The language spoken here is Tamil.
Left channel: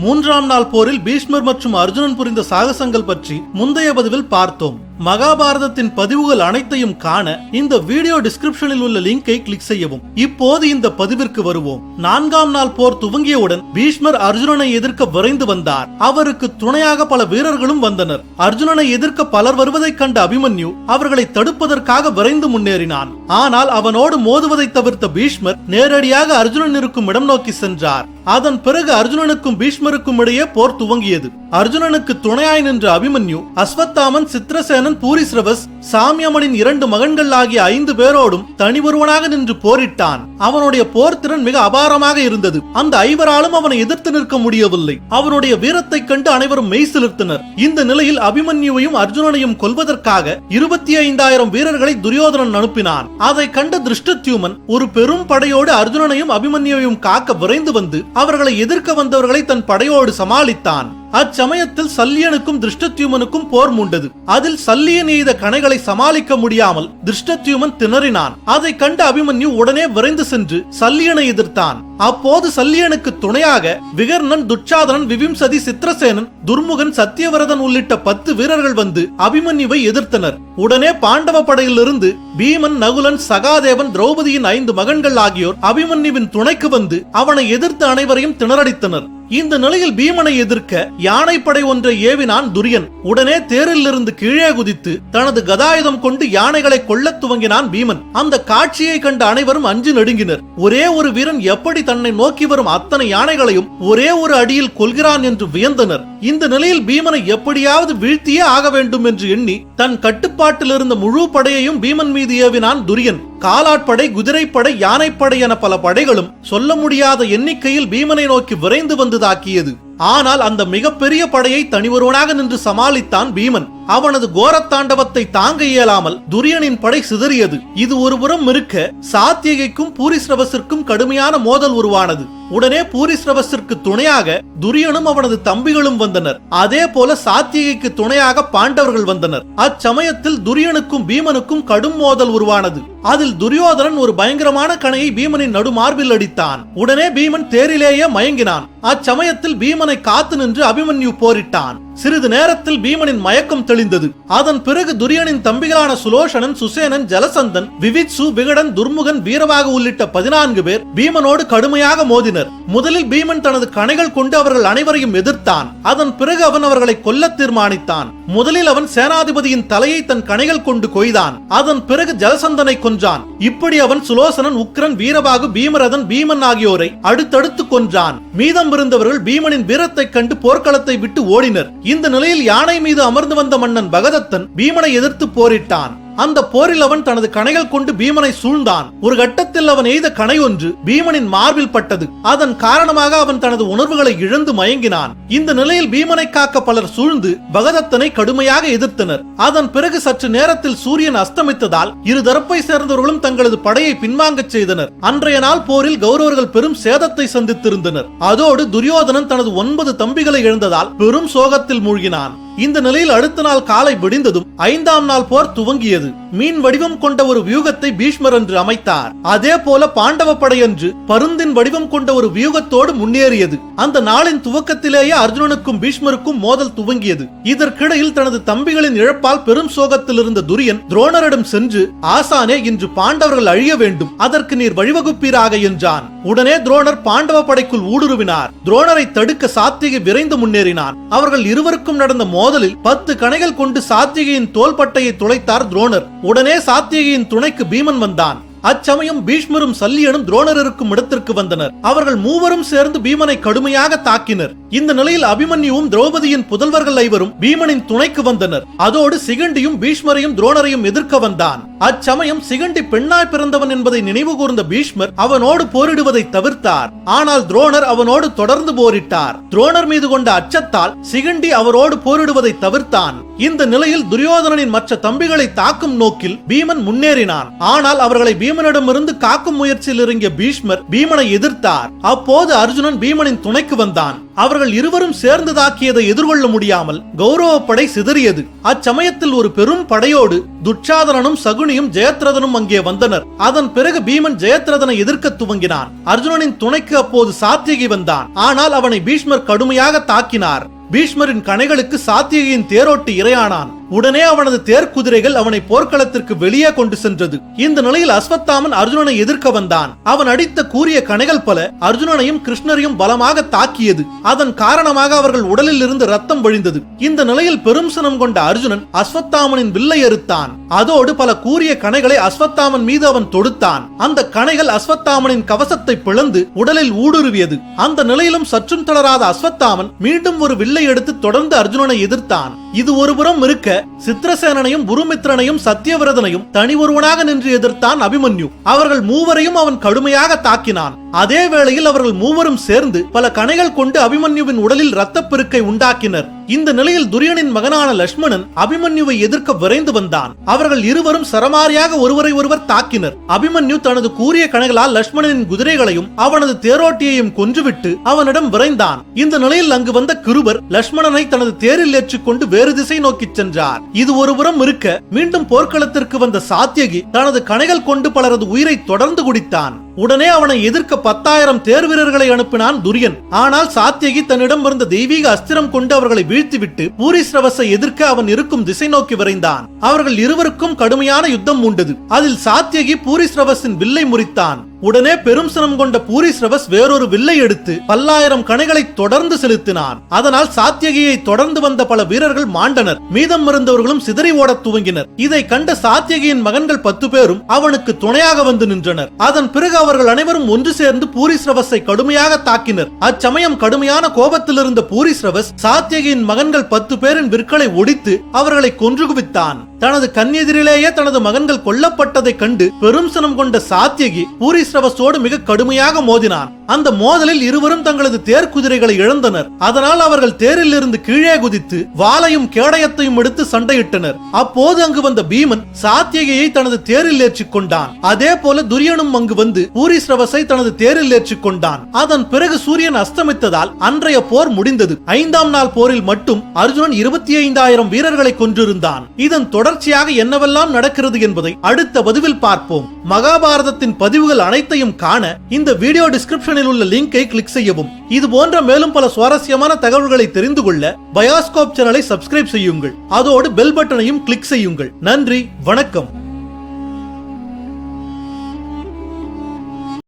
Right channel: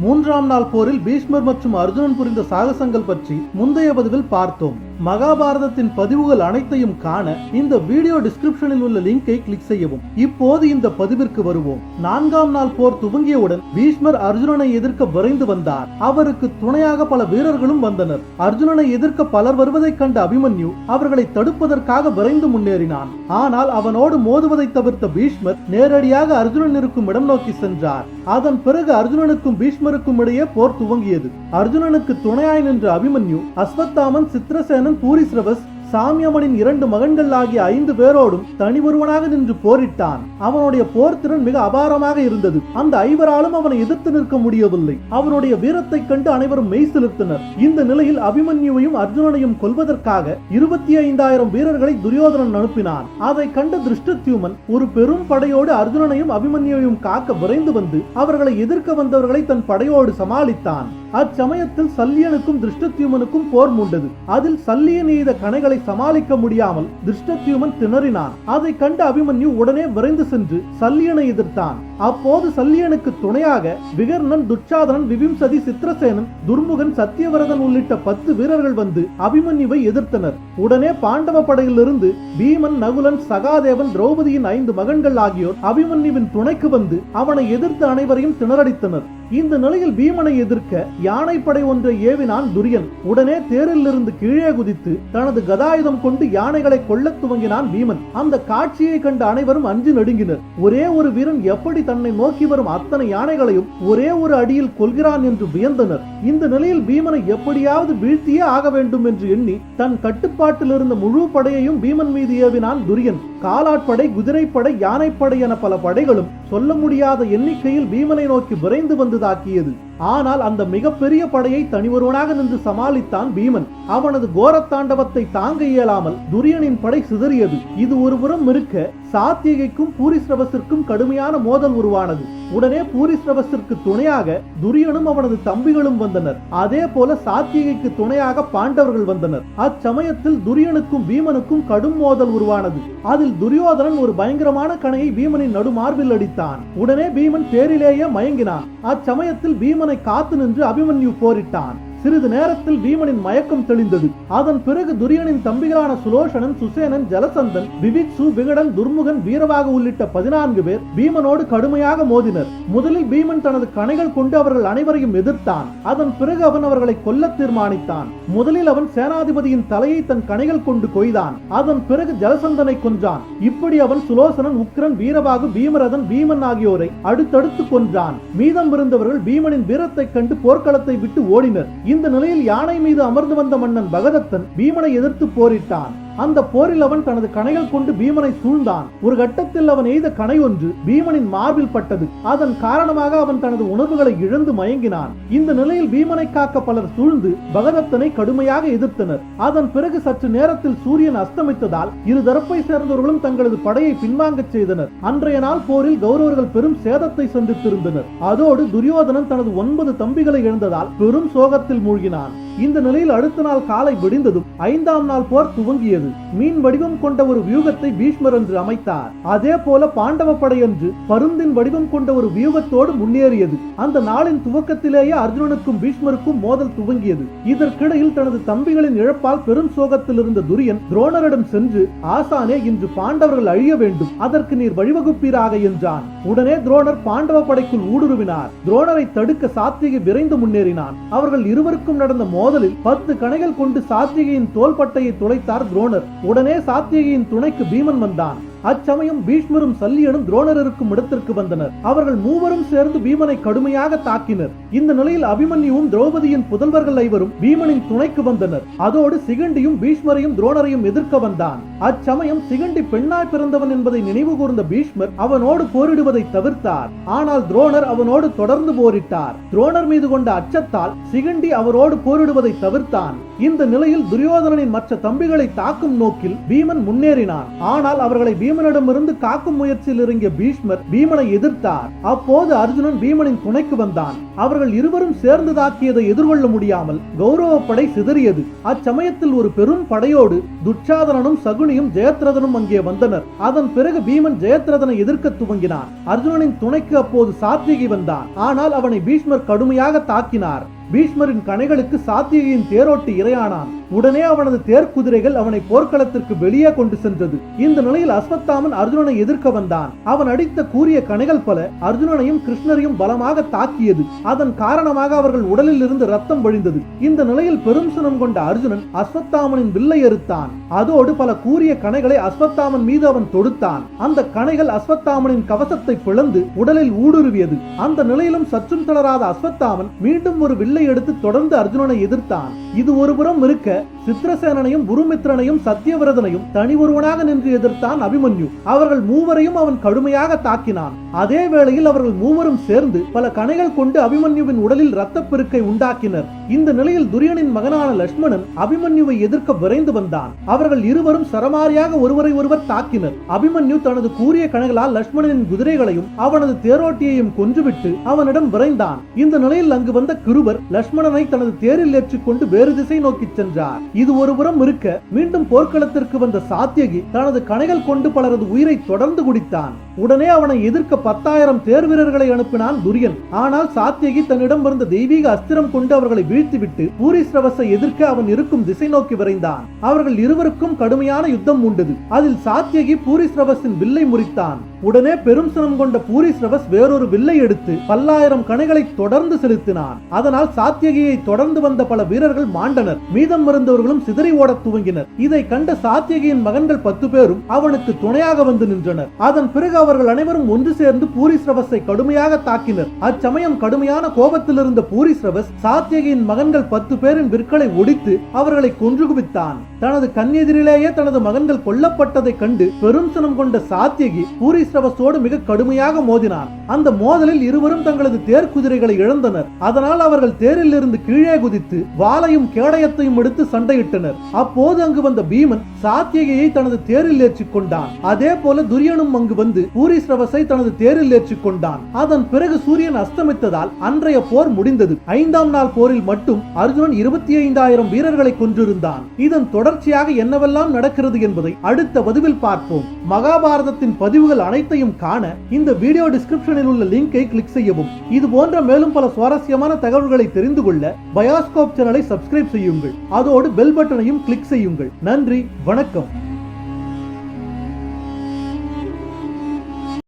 மூன்றாம் நாள் போரில் பீஷ்மர் மற்றும் அர்ஜுனன் புரிந்த சாகசங்கள் பற்றி முந்தைய பதிவில் பார்த்தோம். மகாபாரதத்தின் பதிவுகள் அனைத்தையும் காண இந்த வீடியோ டிஸ்கிரிப்ஷனில் உள்ள லிங்கை கிளிக் செய்யவும். இப்போது இந்த பதிவிற்கு வருவோம். நான்காம் நாள் போர் துவங்கியவுடன் பீஷ்மர் அர்ஜுனனை எதிர்க்க விரைந்து வந்தார். அவருக்கு துணையாக பல வீரர்களும் வந்தனர். அர்ஜுனனை எதிர்க்க பலர் வருவதைக் கண்ட அபிமன்யு அவர்களை தடுப்பதற்காக விரைந்து முன்னேறினான். ஆனால் அவனோடு மோதுவதை தவிர்த்த பீஷ்மர் நேரடியாக அர்ஜுனன் இருக்கும் இடம் நோக்கி சென்றார். அதன் பிறகு அர்ஜுனனுக்கும் பீஷ்மருக்கும் இடையே போர் துவங்கியது. அர்ஜுனனுக்கு துணையாய் நின்ற அபிமன்யு அஸ்வத்தாமன் சித்திரசேனன் பூரிஸ்ரவஸ் சாமியமனின் இரண்டு மகன்கள் ஆகிய ஐந்து பேரோடும் தனி ஒருவனாக நின்று போரிட்டான். அவனுடைய போர் திறன் மிக அபாரமாக இருந்தது. அந்த ஐவராலும் அவனை எதிர்த்து நிற்க முடியவில்லை. அவனுடைய வீரத்தை கண்டு அனைவரும் மெய் சிலிர்த்தனர். இந்த நிலையில் அபிமன்யுவையும் அர்ஜுனனையும் கொல்வதற்காக இருபத்தி ஐந்தாயிரம் வீரர்களை துரியோதனன் அனுப்பினான். அதை கண்ட திருஷ்டத்யூமன் ஒரு பெரும் படையோடு அர்ஜுனனையும் அபிமன்யுவையும் காக்க விரைந்து வந்து அவர்களை எதிர்க்க வந்தவர்களை தன் படையோடு சமாளித்தான். அச்சமயத்தில் சல்லியனுக்கும் திருஷ்டத்யுமனுக்கும் போர் மூண்டது. அதில் சல்லியன் எய்த கணைகளை சமாளிக்க முடியாமல் திருஷ்டத்யுமன் திணறினான். அதை கண்ட அபிமன்யு உடனே விரைந்து சென்று சல்லியனை எதிர்த்தான். அப்போது சல்லியனுக்கு துணையாக விகர்ணன் துச்சாதனன் விவிம்சதி சித்திரசேனன் துர்முகன் சத்தியவிரதன் உள்ளிட்ட பத்து வீரர்கள் வந்து அபிமன்யுவை எதிர்த்தனர். உடனே பாண்டவ படையிலிருந்து பீமன் நகுலன் சகாதேவன் திரௌபதியின் ஐந்து மகன்கள் ஆகியோர் அபிமன்யுவின் துணைக்கு வந்து அவனை எதிர்த்து அனைவரையும் திணறடித்தனர். இந்த நிலையில் பீமனை எதிர்க்க யானைப்படை ஒன்றை ஏவினான் துரியன். உடனே தேரில் இருந்து கீழே குதித்து தனது கதாயுதம் கொண்டு யானைகளை கொல்ல துவங்கினான் பீமன். அந்த காட்சியை கண்ட அனைவரும் அஞ்சு நடுங்கினர். ஒரே ஒரு வீரன் எப்படி தன்னை நோக்கி வரும் அத்தனை யானைகளையும் ஒரே ஒரு அடியில் கொள்கிறான் என்று வியந்தனர். இந்த நிலையில் பீமனை எப்படியாவது வீழ்த்தியே ஆக வேண்டும் என்று எண்ணி தன் கட்டுப்பாட்டில் இருந்த முழு படையையும் பீமன் மீது ஏவினான் துரியன். காலாட்படை குதிரைப்படை யானைப்படை என பல படைகளும் சொல்ல முடியாத எண்ணிக்கையில் பீமனை நோக்கி விரைந்து வந்து தாக்கியது. ஆனால் அந்த மிகப்பெரிய படையை தனிவருவனாக நின்று சமாளித்தான் பீமன். அவனது கோரத்தாண்டவத்தை தாங்க இயலாமல் துரியனின் படை சிதறியது. இது ஒருபுறம் இருக்க சாத்தியகைக்கும் பூரிஸ்ரவசிற்கும் கடுமையான மோதல் உருவானது. உடனே பூரிஸ்ரவசிற்கு துணையாக துரியனும் அவனது தம்பிகளும் வந்தனர். அதே போல சாத்தியகைக்கு துணையாக பாண்டவர்கள் வந்தனர். அச்சமயத்தில் துரியனுக்கும் பீமனுக்கும் கடும் மோதல் உருவானது. அதில் துரியோதனன் ஒரு பயங்கரமான கணையை பீமனின் நடுமார்பில் அடித்தான். உடனே பீமன் தேரிலேயே மயங்கினான். அச்சமயத்தில் பீமனை காத்து நின்று அபிமன்யு போரிட்டான். சிறிது நேரத்தில் பீமனின் மயக்கம் தெளிந்தது. அதன் பிறகு துரியனின் தம்பிகளான சுலோஷனன் சுசேனன் ஜலசந்தன் விவித்சு விகடன் துர்முகன் வீரவாக உள்ளிட்ட பதினான்கு பேர் பீமனோடு கடுமையாக மோதினர். முதலில் பீமன் தனது கணைகள் கொண்டு அவர்கள் அனைவரையும் எதிர்த்தான். அதன் பிறகு அவன் அவர்களை கொல்ல தீர்மானித்தான். முதலில் அவன் சேனாதிபதியின் தலையை தன் கணைகள் கொண்டு கொய்தான். அதன் பிறகு ஜலசந்தனை கொன்றான். இப்படி அவன் சுலோசனன் உக்ரன் வீரபாகு பீமரதன் பீமன் ஆகியோரை அடுத்தடுத்து கொன்றான். மீதம் இருந்தவர்கள் பீமனின் வீரத்தைக் கண்டு போர்க்களத்தை விட்டு ஓடினர். இந்த நிலையில் யானை மீது அமர்ந்து வந்த மன்னன் பகதத்தன் பீமனை எதிர்த்து போரிட்டான். அந்த போரில் அவன் தனது கணைகள் கொண்டு பீமனை சூழ்ந்தான். ஒரு கட்டத்தில் அவன் எய்த கணை ஒன்று பீமனின் மார்பில் பட்டது. அதன் காரணமாக அவன் தனது உணர்வுகளை இழந்து மயங்கினான். இந்த நிலையில் பீமனை காக்க பலர் சூழ்ந்து பகதத்தனை கடுமையாக எதிர்த்தனர். அதன் பிறகு சற்று நேரத்தில் சூரியன் அஸ்தமித்ததால் இரு தரப்பை சேர்ந்தவர்களும் தங்களது படையை பின்வாங்கச் செய்தனர். அன்றைய நாள் போரில் கௌரவர்கள் பெரும் சேதத்தை சந்தித்திருந்தனர். அதோடு துரியோதனன் தனது ஒன்பது தம்பிகளை இழந்ததால் பெரும் சோகத்தில் மூழ்கினான். இந்த நிலையில் அடுத்த நாள் காலை விடிந்ததும் ஐந்தாம் நாள் போர் துவங்கியது. மீன் வடிவம் கொண்ட ஒரு வியூகத்தை பீஷ்மர் என்று அமைத்தார். அதே போல பாண்டவ படை என்று பருந்தின் வடிவம் கொண்ட ஒரு வியூகத்தோடு முன்னேறியது. அந்த நாளின் துவக்கத்திலேயே அர்ஜுனனுக்கும் பீஷ்மருக்கும் மோதல் துவங்கியது. இதற்கிடையில் தனது தம்பிகளின் இழப்பால் பெரும் சோகத்தில் இருந்த துரியன் துரோணரிடம் சென்று ஆசானே இன்று பாண்டவர்கள் அழிய வேண்டும். அதற்கு நீர் வழிவகுப்பீராக என்றான். உடனே துரோணர் பாண்டவ படைக்குள் ஊடுருவினார். துரோணரை தடுக்க சாத்திகை விரைந்து முன்னேறினான். அவர்கள் இருவருக்கும் நடந்த மோதலில் பத்து கணைகள் கொண்டு சாத்திகையின் தோள்பட்டையை துளைத்தார் துரோணர். உடனே சாத்திகையின் துணைக்கு பீமன் வந்தான். அச்சமயம் பீஷ்மரும் சல்லியனும் துரோணர் இருக்கும் இடத்திற்கு வந்தனர். அவர்கள் மூவரும் சேர்ந்து பீமனை கடுமையாக தாக்கினர். இந்த நிலையில் அபிமன்யுவும் திரௌபதியின் புதல்வர்கள் ஐவரும் பீமனின் துணைக்கு வந்தனர். அதோடு சிகண்டியும் பீஷ்மரையும் துரோணரையும் எதிர்க்க வந்தான். அச்சமயம் சிகண்டி பெண்ணாய் பிறந்தவன் என்பதை நினைவு கூர்ந்த பீஷ்மர் அவனோடு போரிடுவதை தவிர்த்தார். ஆனால் துரோணர் அவனோடு தொடர்ந்து போரிட்டார். துரோணர் மீது கொண்ட அச்சத்தால் சிகண்டி அவரோடு போரிடுவதை தவிர்த்தான். இந்த நிலையில் துரியோதனனின் மற்ற தம்பிகளை தாக்கும் நோக்கில் பீமன் முன்னேறினான். ஆனால் அவர்களை பீமனிடமிருந்து காக்கும் முயற்சியில் இறங்கிய பீஷ்மர் பீமனை எதிர்த்தார். அப்போது அர்ஜுனன் பீமனின் துணைக்கு வந்தான். அவர்கள் இருவரும் சேர்ந்து தாக்கியதை எதிர்கொள்ள முடியாமல் கௌரவ படை சிதறியது. அச்சமயத்தில் ஒரு பெரும் படையோடு துட்சாதனனும் சகுனியும் ஜெயத்ரதனும் அங்கே வந்தனர். அதன் பிறகு பீமன் ஜெயத்ரதனை எதிர்க்க துவங்கினான். அர்ஜுனனின் துணைக்கு அப்போது சாத்தியகி வந்தான். ஆனால் அவனை பீஷ்மர் கடுமையாக தாக்கினார். பீஷ்மரின் கணைகளுக்கு சாத்தியகியின் தேரோட்டு இரையானான். உடனே அவனது தேர்க்குதிரைகள் அவனை போர்க்களத்திற்கு வெளியே கொண்டு சென்றது. இந்த நிலையில் அஸ்வத்தாமன் அர்ஜுனனை எதிர்க்க வந்தான். அவன் அடித்த கூறிய கணைகள் பல அர்ஜுனனையும் கிருஷ்ணரையும் பலமாக தாக்கியது. அதன் காரணமாக அவர்கள் உடலில் இருந்து ரத்தம் வழிந்தது. இந்த நிலையில் பெரும் சினம் கொண்ட அர்ஜுனன் அஸ்வத்தாமனின் வில்லை எறுத்தான் அதோடு பல கூறிய கணைகளை அஸ்வத்தாமன் மீது அவன் தொடுத்தான். அந்த கணைகள் அஸ்வத்தாமனின் கவசத்தை பிளந்து உடலில் ஊடுருவியது. அந்த நிலையிலும் சற்றும் தளராத அஸ்வத்தாமன் மீண்டும் ஒரு வில்லை எடுத்து தொடர்ந்து அர்ஜுனனை எதிர்த்தான். இது ஒருபுறம் இருக்க சித்திரசேனனையும் குருமித்ரனையும் சத்தியவிரதனையும் தனி ஒருவனாக நின்று எதிர்த்தான் அபிமன்யு. அவர்கள் மூவரையும் அவன் கடுமையாக தாக்கினான். அதே வேளையில் அவர்கள் மூவரும் சேர்ந்து பல கணைகள் கொண்டு அபிமன்யுவின் உடலில் இரத்தப்பெருக்கை உண்டாக்கினர். இந்த நிலையில் துரியனின் மகனான லட்சுமணன் அபிமன்யுவை எதிர்க்க விரைந்து வந்தான். அவர்கள் இருவரும் சரமாரியாக ஒருவரை ஒருவர் தாக்கினர். அபிமன்யு தனது கூறிய கணைகளால் லட்சுமணனின் குதிரைகளையும் அவனது தேரோட்டியையும் கொன்றுவிட்டு அவனிடம் விரைந்தான். இந்த நிலையில் அங்கு வந்த கிருபர் லட்சுமணனை தனது தேரில் ஏற்றிக்கொண்டு வேறு திசை நோக்கிச் சென்றார். இது ஒருபுறம் இருக்க மீண்டும் போர்க்களத்திற்கு வந்த சாத்தியகி தனது கணைகள் கொண்டு பலரது உயிரை தொடர்ந்து குடித்தான். உடனே அவனை எதிர்க்க பத்தாயிரம் தேர் வீரர்களை அனுப்பினான் துரியன். ஆனால் சாத்தியகி தன்னிடம் இருந்த தெய்வீக அஸ்திரம் கொண்டு அவர்களை வீழ்த்திவிட்டு பூரிஸ்ரவசை எதிர்க்க அவன் இருக்கும் திசை நோக்கி விரைந்தான். அவர்கள் இருவருக்கும் கடுமையான யுத்தம் உண்டது. அதில் சாத்தியகி பூரிஸ்ரவசின் வில்லை முறித்தான். உடனே பெரும் சினம் கொண்ட பூரிஸ்ரவஸ் வேறொரு வில்லை எடுத்து பல்லாயிரம் கணைகளை தொடர்ந்து செலுத்தினான். அதனால் சாத்தியகியை தொடர்ந்து வந்த பல வீரர்கள் மாண்டனர். மீதம் இருந்தவர்களும் சிதறி ஓடத் துவங்கினர். இதை கண்ட சாத்தியகியின் மகன்கள் பத்து பேரும் அவனுக்கு துணையாக வந்து நின்றனர். அதன் பிறகு அவர்கள் அனைவரும் ஒன்று சேர்ந்து பூரிஸ்ரவஸை கடுமையாக தாக்கினர். அச்சமயம் கடுமையான கோபத்தில் இருந்த பூரிஸ்ரவஸ் சாத்தியகியின் மகன்கள் பத்து பேரின் விற்களை ஒடித்து அவர்களை கொன்று குவித்தான். தனது கண்ணெதிரிலேயே தனது மகன்கள் கொல்லப்பட்டதை கண்டு பெரும் சனம் கொண்ட சாத்தியகி பூரிஸ்ரவஸோடு மிக கடுமையாக மோதினான். அந்த மோதலில் இருவரும் தங்களது தேர் குதிரைகளை இழந்தனர். அதனால் அவர்கள் தேரில் இருந்து கீழே குதித்து வாளையும் கேடயத்தையும் எடுத்து சண்டையிட்டனர். அப்போது அங்கு வந்த பீமன் சாத்தியகியை தனது தேரில் ஏற்றிக் கொண்டான். அதே போல துரியனும் அங்கு வந்து பூரிஸ்ரவஸை தனது தேரில் ஏற்றிக் கொண்டான். அதன் பிறகு சூரியன் அஸ்தமித்ததால் அன்றைய போர் முடிந்தது. ஐந்தாம் நாள் போரில் மட்டும் அர்ஜுனன் இருபத்தி ஐந்தாயிரம் வீரர்களை கொன்றிருந்தான். இதன் தொடர்ச்சியாக என்னவெல்லாம் நடக்கிறது என்பதை அடுத்த பதிவில் பார்ப்போம். மகாபாரதத்தின் பதிவுகள் அனைத்தையும் காண இந்த வீடியோ டிஸ்கிரிப்ஷனில் உள்ள லிங்கை கிளிக் செய்யவும். இது போன்ற மேலும் பல சுவாரஸ்யமான தகவல்களை தெரிந்து கொள்ள பயாஸ்கோப் சேனலை சப்ஸ்கிரைப் செய்யுங்கள். அதோடு பெல் பட்டனையும் கிளிக் செய்யுங்கள். நன்றி வணக்கம்.